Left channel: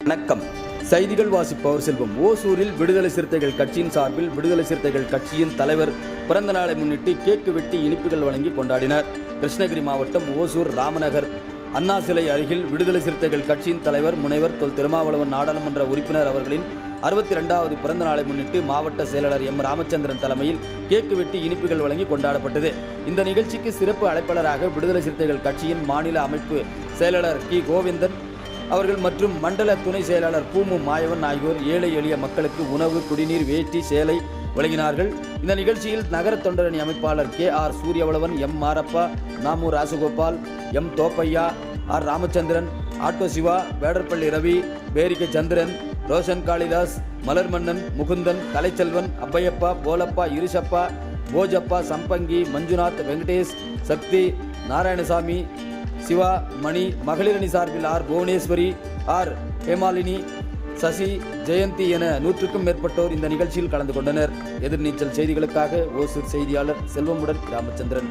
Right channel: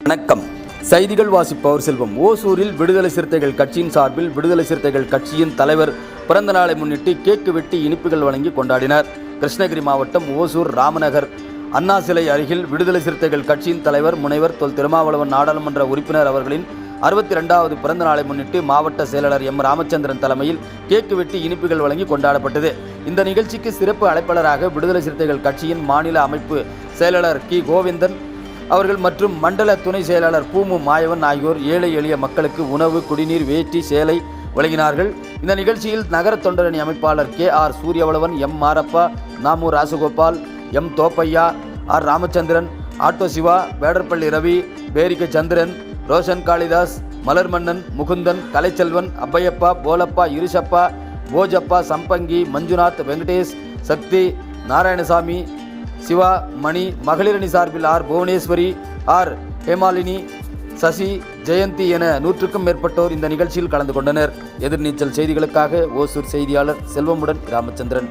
வணக்கம். செய்திகள் வாசிப்பவர் செல்வம். ஓசூரில் விடுதலை சிறுத்தைகள் கட்சியின் சார்பில் விடுதலை சிறுத்தைகள் கட்சியின் தலைவர் பிறந்த நாளை முன்னிட்டு கேக்கு வெட்டி இனிப்புகள் வழங்கி கொண்டாடினார். கிருஷ்ணகிரி மாவட்டம் ஓசூர் ராமநகர் அண்ணா சிலை அருகில் விடுதலை சிறுத்தைகள் கட்சியின் தலைவர் முனைவர் தொல் திருமாவளவன் நாடாளுமன்ற உறுப்பினர் அவர்களின் அறுபத்தி ரெண்டாவது பிறந்த நாளை முன்னிட்டு மாவட்ட செயலாளர் எம் ராமச்சந்திரன் தலைமையில் கேக்கு வெட்டி இனிப்புகள் வழங்கி கொண்டாடப்பட்டது. இந்த நிகழ்ச்சிக்கு சிறப்பு அழைப்பாளராக விடுதலை சிறுத்தைகள் கட்சியின் மாநில அமைப்பு செயலாளர் கி. கோவிந்தன் அவர்கள் மற்றும் மண்டல துணை செயலாளர் பூமு மாயவன் ஆகியோர் ஏழை எளிய மக்களுக்கு உணவு குடிநீர் வேட்டி சேலை வழங்கினார்கள். இந்த நிகழ்ச்சியில் நகர தொண்டரணி அமைப்பாளர் K. R. Suriyavalavan M. Marappa Namu Rasagopal M. Thoppaiya R. Ramachandran auto Siva Vedarpalli Ravi Perikka Chandran Roshan Kalidas Malarmannan Mukundan Kalaiselvan Appaiyappa Polappa Irusappa Bhojappa Sampangi Manjunath Venkatesh Sakthi Narayanasamy Siva Mani மகளிரணி சார்பில் R. Bhuvaneswari R. Hemalini Sasi Jayanthi என நூற்றுக்கும் மேற்பட்டோர் இந்த நிகழ்ச்சியில் கலந்து கொண்டனர். எதிர்நீச்சல் செய்திகளுக்காக ஓசூர் செய்தியாளர் செல்வமுடன் ராமச்சந்திரன்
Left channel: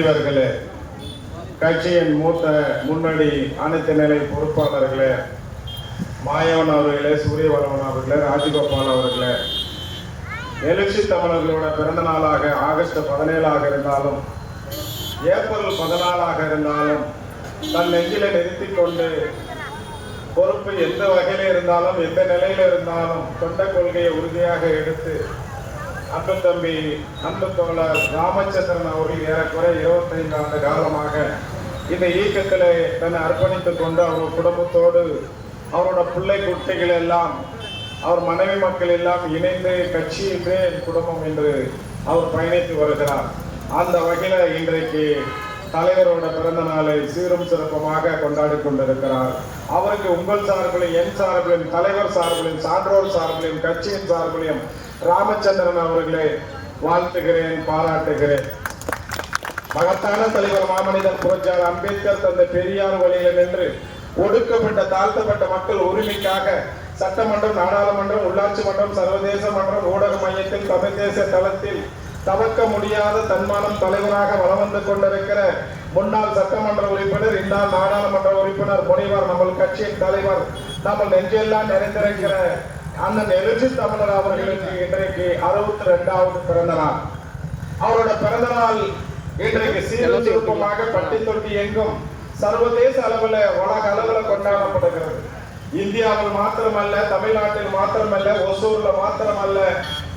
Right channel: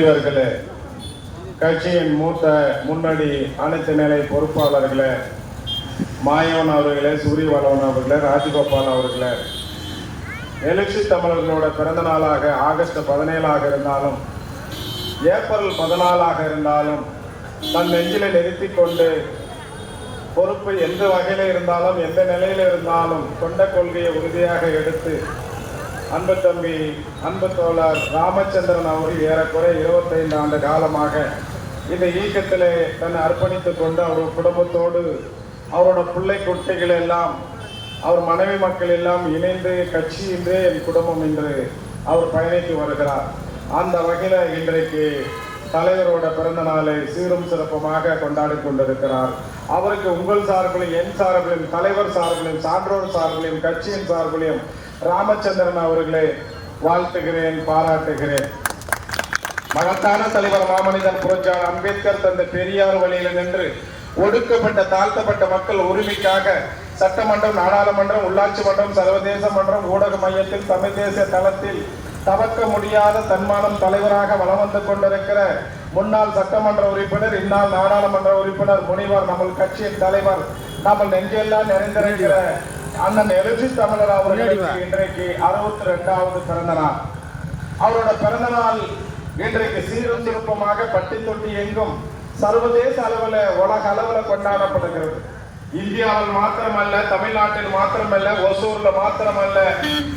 பெரியவர்களே கட்சியின் மூத்த முன்னணி அனைத்து நிலை பொறுப்பாளர்களே மாயவன் அவர்களே சூரியவளவன் அவர்களே ராஜகோபால் அவர்களே எழுச்சி தமிழர்களோட பிறந்த நாளாக ஆகஸ்ட் பதினேழாக இருந்தாலும் ஏப்ரல் பதினாலாக இருந்தாலும் தன் நெஞ்சில நிறுத்தி கொண்டு பொறுப்பு எந்த வகையில் இருந்தாலும் எந்த நிலையில இருந்தாலும் தொண்ட கொள்கையை உறுதியாக எடுத்து அன்பு தம்பி அன்பு தோழர் ராமச்சந்திரன் அவர்கள் ஏறக்குறை 25 ஆண்டு காலமாக இந்த இயக்கத்தில் தன்னை அர்ப்பணித்து கொண்டு அவர் குடும்பத்தோடு அவரோட பிள்ளை குட்டிகள் எல்லாம் அவர் மனைவி மக்கள் எல்லாம் இணைந்து கட்சி என்று என் குடும்பம் என்று அவர் பயணித்து வருகிறார். அந்த வகையில் இன்றைக்கு தலைவரோட பிறந்த நாளை சீரும் சிறப்புமாக கொண்டாடி கொண்டிருக்கிறார். அவருக்கு உங்கள் சார்பிலும் என் சார்பிலும் தலைவர் சார்பிலும் சான்றோர் சார்பிலும் கட்சியின் சார்பிலும் ராமச்சந்திரன் அவர்களை வாழ்த்துகிறேன் பாராட்டுகிறேன். மகத்தான தலைவர் மாமனிதர் புரட்சியார் அம்பேத்கர் தந்த பெரியார் வழியில நின்று ஒடுக்கப்பட்ட தாழ்த்தப்பட்ட மக்கள் உரிமைக்காக சட்டமன்றம் நாடாளுமன்றம் உள்ளாட்சி மன்றம் சர்வதேச மன்றம் ஊடக மையத்தில் தமிழ் தேசிய தளத்தில் தவக்க முடியாத தன்மானம் தலைவராக வலம் வந்து கொண்டிருக்கிற முன்னாள் சட்டமன்ற உறுப்பினர் இந்நாள் நாடாளுமன்ற உறுப்பினர் முனைவர் நம்ம கட்சியின் தலைவர் நம்ம நெஞ்செல்லாம் நிறைந்திருக்கிற அண்ணன் எழுச்சி தமிழர் அவர்களுக்கு இன்றைக்கு அறுபத்தி ரெண்டாவது பிறந்த நாள் அவரோட பிறந்த நாள் இன்றைக்கு சீரும் சிறப்புமாக பட்டி தொட்டி எங்கும் சர்வதேச அளவில் உலக அளவில் கொண்டாடப்படுகிறது. இந்தியாவில் மாத்திரமல்ல தமிழ்நாட்டில் மாத்திரமல்ல ஒசூர்ல மாத்திரமல்ல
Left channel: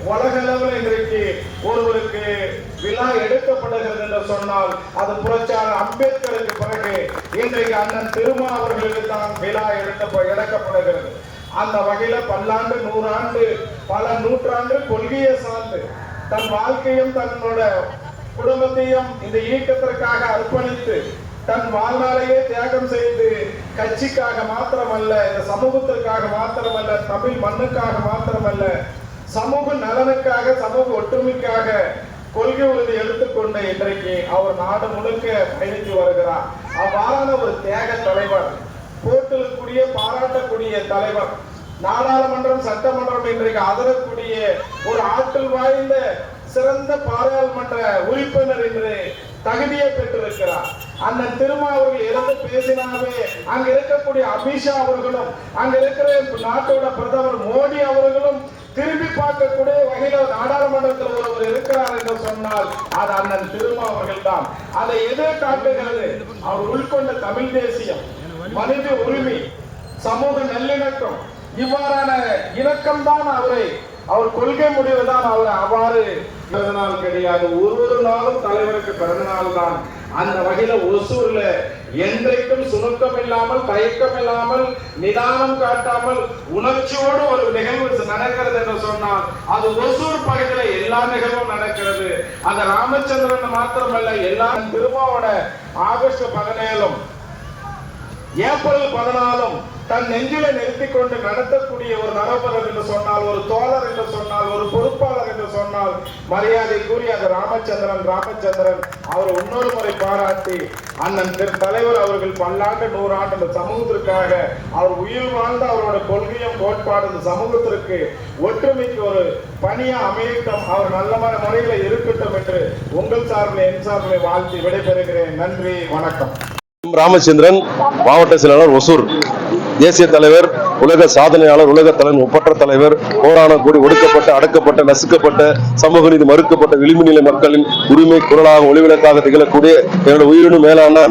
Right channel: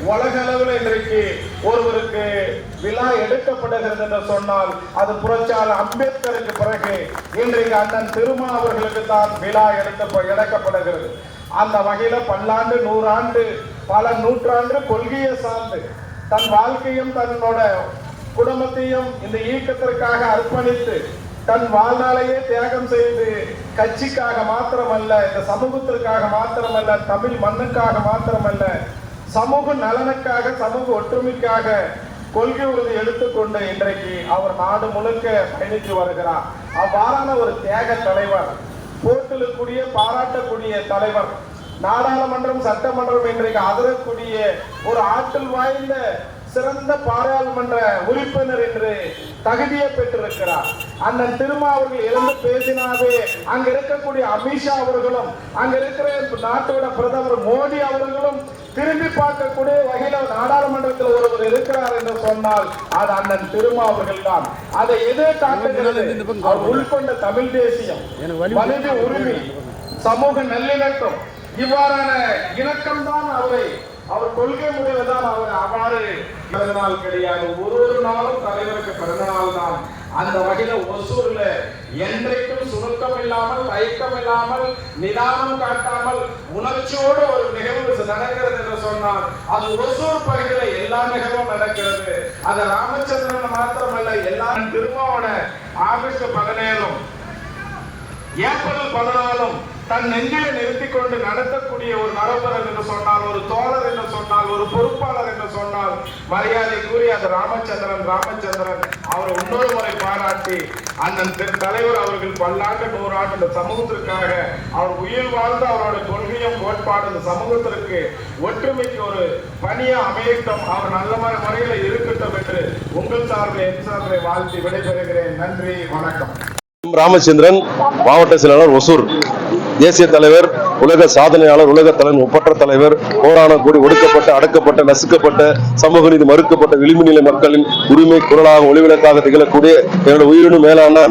உலக அளவில் இன்றைக்கு ஒருவருக்கு விழா எடுக்கப்படுகிறது என்று சொன்னால் அது புரட்சியாளர் அம்பேத்கருக்கு பிறகு இன்றைக்கு அண்ணன் திருமா அவர்களுக்கு தான் விழா எடுத்த எடுக்கப்படுகிறது. அந்த வகையில பல்லாண்டு நூறாண்டு பல நூற்றாண்டு கொள்கையை சார்ந்து தன் வாழ்க்கையும் தன்னோட குடும்பத்தையும் இந்த இயக்கத்திற்காக அர்ப்பணித்து தன் வாழ்நாளையே தியாகம் செய்து கட்சிக்காக மாத்திரமல்ல இந்த சமூகத்திற்காக மாத்திரமல்ல தமிழ் மண்ணுக்காக மாத்திரமல்ல சமூக நலனுக்காக சமூக ஒற்றுமைக்காக கொள்கை உறுதி எடுத்துக்கொண்டு இன்றைக்கு அவர் நாடு முழுக்க பயணித்து வருகிறார். அவ்வாறான ஒரு தியாக தலைவர் போற்றலுக்குரிய பாராட்டக்கூடிய தலைவர் நாடாளுமன்றம் சட்டமன்றம் இன்றைக்கு அதரக்கூடிய ஒரு ஆற்றல் வாய்ந்த சிறந்த பாராளுமன்ற உறுப்பினர் என்று தகுதியை பெற்றிருக்கிறார். அண்ணன் திருமா அவர்கள் இருந்து பேசினாவே அங்க இருக்கக்கூடிய அமித்ஷா அவர்களும் அங்க இருக்கிற நாட்டோட பிரதமர் மோடி அவர்களும் திரும்பி பார்க்கக்கூடிய வகையில நாடாளுமன்றத்தில் ஒருவர் இருக்கிறார் என்று சொன்னால் அது அண்ணன் திருமா அவர்கள் தான். அதை எதிர் காட்டுகிறது அவர் உள்கொண்ட தமிழ் தேசியம் மனித உரிமை சமூக நல்லிணக்கம் இவ்வாறான இணக்கம் தான் அவரை அவர் கொள்கை முடிவுதான் அவர் அவ்வாறு பிறந்த நாள் கிடையாது. ஒரு ஒரு நாளும் தலைவருக்கு பிறந்த நாள் தான். அந்த வகையில ஒசூர்ல என்றைக்கும் சுருக்கம் இல்லாமல் தயக்கம் இல்லாமல் நிதானம் காட்டாமல் உணர்ச்சியோடு ஒரு நிகழ்வு நடக்கிறது என்று சொன்னால் அது ஒசூர் பகுதியில எல்லா நிகழ்வும் நடக்கிறது. அது ராமச்சந்திரன் மாத்திரமல்ல எல்லா திருமாவோட ஆகஸ்ட் பதினேழும் ஏப்ரல் பதினாலும் தன் நெஞ்சில நிறுத்திக் கொண்டு நடத்தக்கூடிய ஒரு நரபரர் என்று சொன்னால் ஒரு தோழர் என்று சொன்னால் ஒரு பொறுப்பாளர் என்று சொன்னால் மரியாதை கூறி அந்த ராமச்சந்திரன் ராமச்சந்திரன் அவரை இன்னொரு முறை பாராட்டி அண்ணன் திரு தலைவர் அவர்கள் பல்லாண்டு நூறாண்டு இந்த சமூகத்திற்காக அவர் உயிர் வாழ்ந்த அவரோட கொள்கையும் கோட்பாடு இந்த சமூகத்திற்கு ஒற்றுமைக்கு ஒரு பணியா அமையட்டும் அவர் நல்ல முறையில் இருக்கட்டும் என்று உங்கள் சார்பில் என் சார்பில் வாழ்த்தி விடைபெறுகிறேன். நன்றி வணக்கம். ராமச்சந்திரன் மாவட்ட செயலாளர் ஒசூர். தேசிய தலைவர் உலக சாதனையாளர் உலக தலைவர் ஒப்பற்ற தலைவர் போராணம் கூடி ஒடுக்கப்பட்ட அடக்கப்பட்ட நசுக்கப்பட்ட சமூக நீதி மறுக்கப்பட்ட விளிம்புநிலை மக்களின் உரிமை குரலாக ஒளிவிளக்காக திகழக்கூடிய என்னோட உயிரினும் மேலான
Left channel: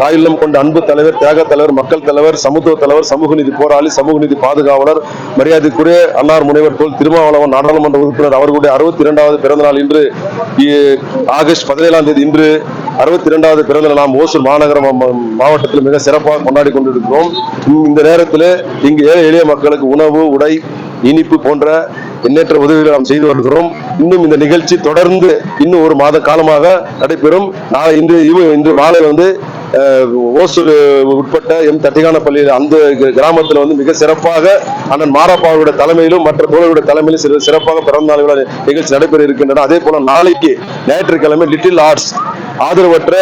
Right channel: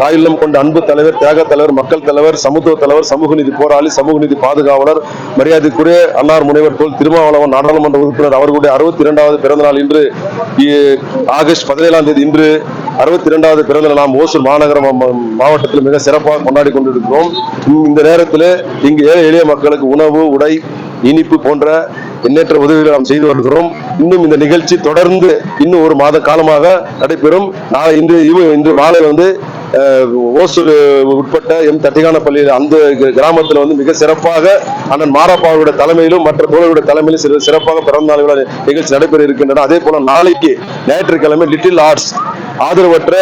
தாயில்லம் கொண்ட அன்பு தலைவர் தியாக தலைவர் மக்கள் தலைவர் சமத்துவ தலைவர் சமூக நீதி போராளி சமூக நீதி பாதுகாவலர் மரியாதைக்குரிய அன்னார் முனைவர் போல் திருமாவளவன் நாடாளுமன்ற உறுப்பினர் அவர்களுடைய அறுபத்தி இரண்டாவது பிறந்தநாள் இன்று ஆகஸ்ட் பதினேழாம் தேதி இன்று அறுபத்தி இரண்டாவது பிறந்த நாம் ஓசூர் மாநகர மாவட்டத்தில் மிக சிறப்பாக கொண்டாடி கொண்டிருக்கிறோம். இந்த நேரத்தில் இங்கு ஏழை எளிய மக்களுக்கு உணவு உடை இனிப்பு போன்ற எண்ணற்ற உதவிகளை நாம் செய்து வருகிறோம். இன்னும் இந்த நிகழ்ச்சி தொடர்ந்து இன்னும் ஒரு மாத காலமாக நடைபெறும். நாளை இன்று இன்று மாலை வந்து ஓசூர் உட்பட்ட எம் தட்டிகான பள்ளியில் அந்த கிராமத்தில் வந்து மிக சிறப்பாக அண்ணன் மாரப்பாவுடைய தலைமையிலும் மற்ற தோழர்களுடைய தலைமையிலும் சிறு- சிறப்பாக பிறந்த நாள் நிகழ்ச்சி நடைபெற இருக்கின்றன. அதே போல நாளைக்கு ஞாயிற்றுக்கிழமை லிட்டில் ஆர்ட்ஸ் ஆதரவற்ற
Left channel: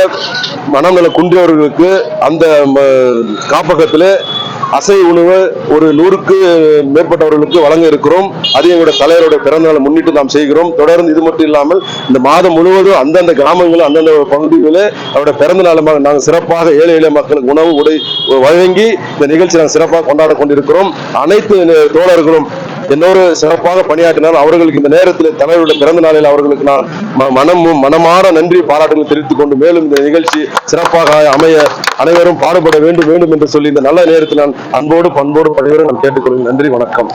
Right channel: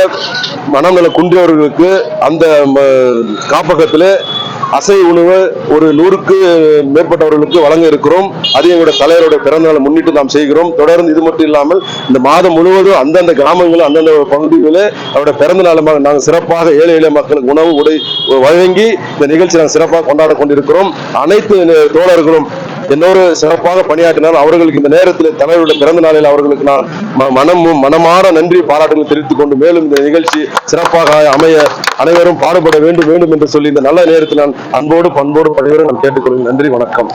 மனநல குன்றியவர்களுக்கு அந்த ம, அசை உணவு ஒரு நூறுக்கு மேற்பட்டவர்களுக்கு வழங்க இருக்கிறோம். அது எங்களுடைய தலைவருடைய பிறந்த நாளை முன்னிட்டு நாம் செய்கிறோம். தொடர்ந்து இது மட்டும் இல்லாமல் இந்த மாதம் முழுவதும் அந்தந்த கிராமங்கள் அந்தந்த பகுதிகளில் அவருடைய பிறந்த நாளமாக நாங்கள் சிறப்பாக ஏழை எளிய மக்களுக்கு உணவு உடை வழங்கி இந்த நிகழ்ச்சி நாங்கள் சிறப்பாக கொண்டாட கொண்டிருக்கிறோம். அனைத்து தோழர்களும் இன்னொரு சிறப்பாக பணியாற்றினால் அவர்களுக்கு இந்த நேரத்தில் தலைவருடைய பிறந்த நாளில் அவர்களுக்கு நான் ம- மனமும் மனமாற நன்றி பாராட்டுகளை தெரிவித்துக் கொண்டு மேலும் இந்த நிகழ்ச்சி சிறப்பாக அமைய அனைவரும் பாடுபட வேண்டும் வேண்டும் என்று சொல்லி இந்த நல்ல நேரத்தில் நான் அன்போடு பண்போடு பணியோடு நான் கேட்டுக்கொள்கிறேன். நன்றி வணக்கம்.